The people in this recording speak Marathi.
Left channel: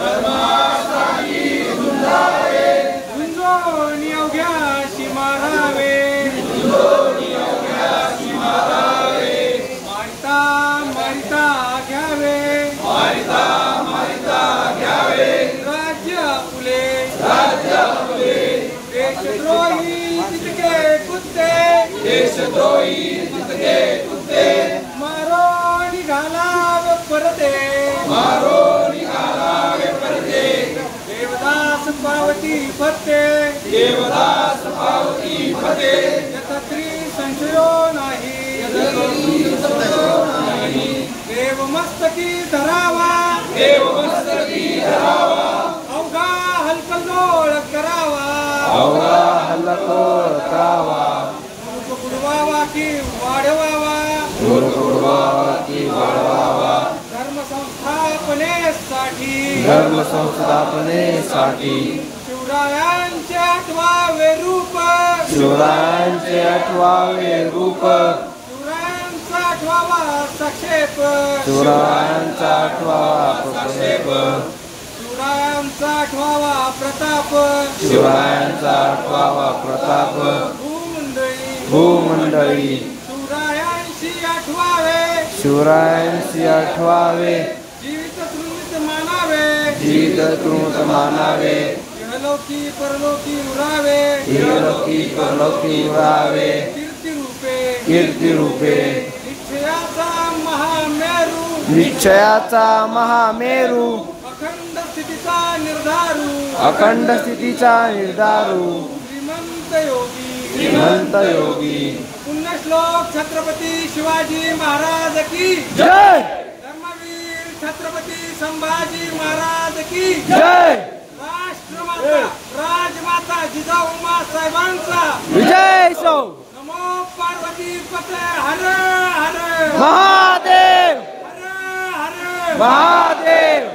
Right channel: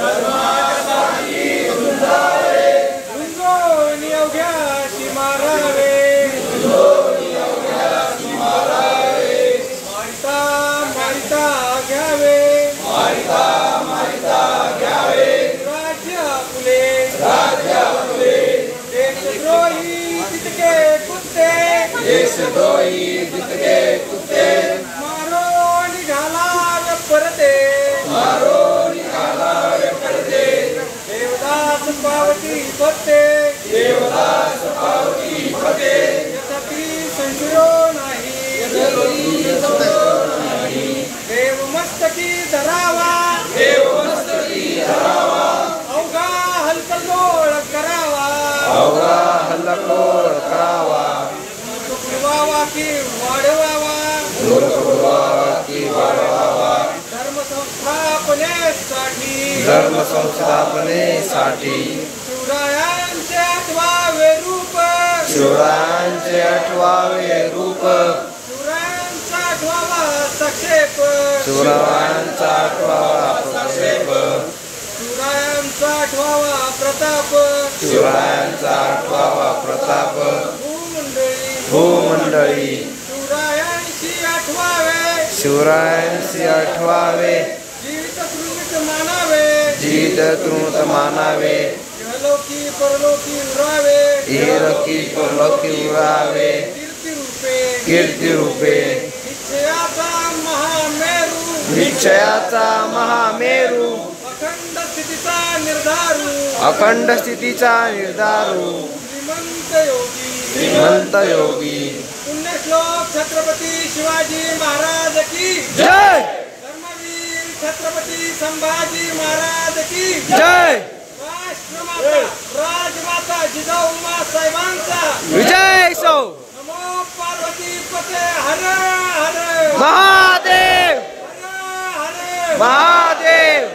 धर्मासाठी झुंजावे झुंजून अवघ्याशी मारावे मारिता घ्यावे राज्य आपले देशद्रोही तितके कुत्ते मारो निघाला परते देवदास पावती फते यथात्री संशयो नाही देव मस्तकी धरावा अवघा हलकल्लोळ करावा बुडवावा की वाढवावा धर्म संस्थापनेसाठी शिवरायांचे आठवावे रूप शिवरायांचा आठवावा सक्षेप शिवरायांचा आठवावा प्रताप भूमंडळी शिवरायांशी आठवावे जीवित तृणत मानावे इहलोकी परलोकी उरावे कीर्ती रूपे निश्चयाचा महामेरू अखंड स्थितीचा निर्धारू श्रीमंत योगी पुण्यश्लोक छत्रपती शिवाजी महाराज की जय धर्मवीर छत्रपती संभाजी महाराज की जय राजमाता जिजाऊ साहेबांचा विजय सो नमो पार्वती पते हर हर महादेव